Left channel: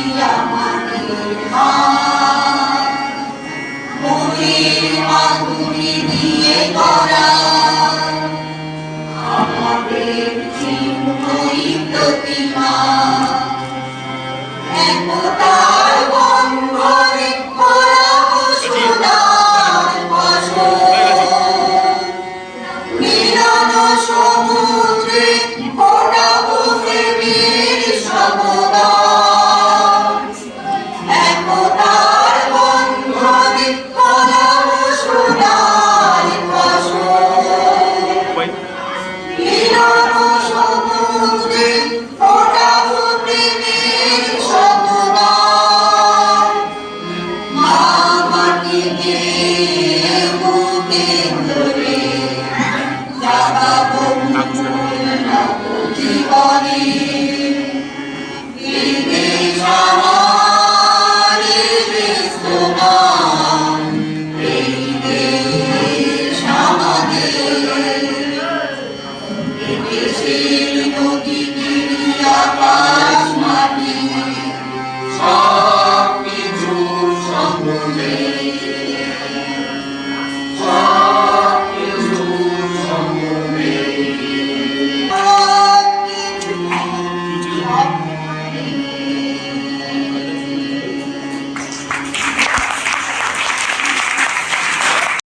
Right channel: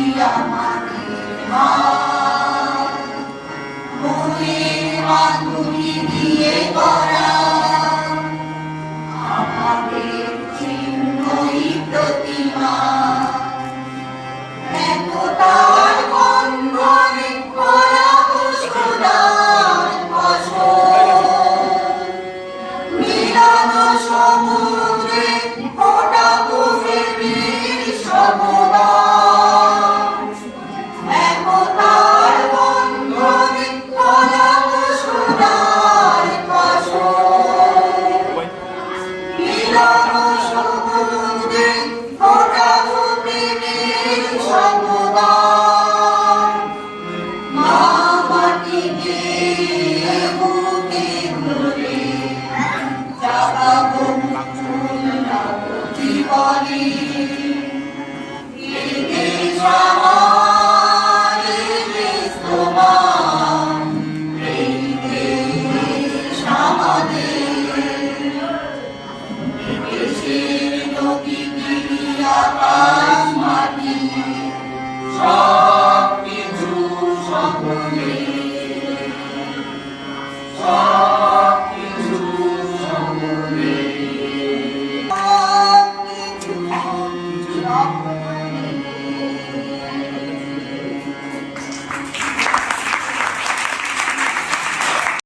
Hallelujah. বুকে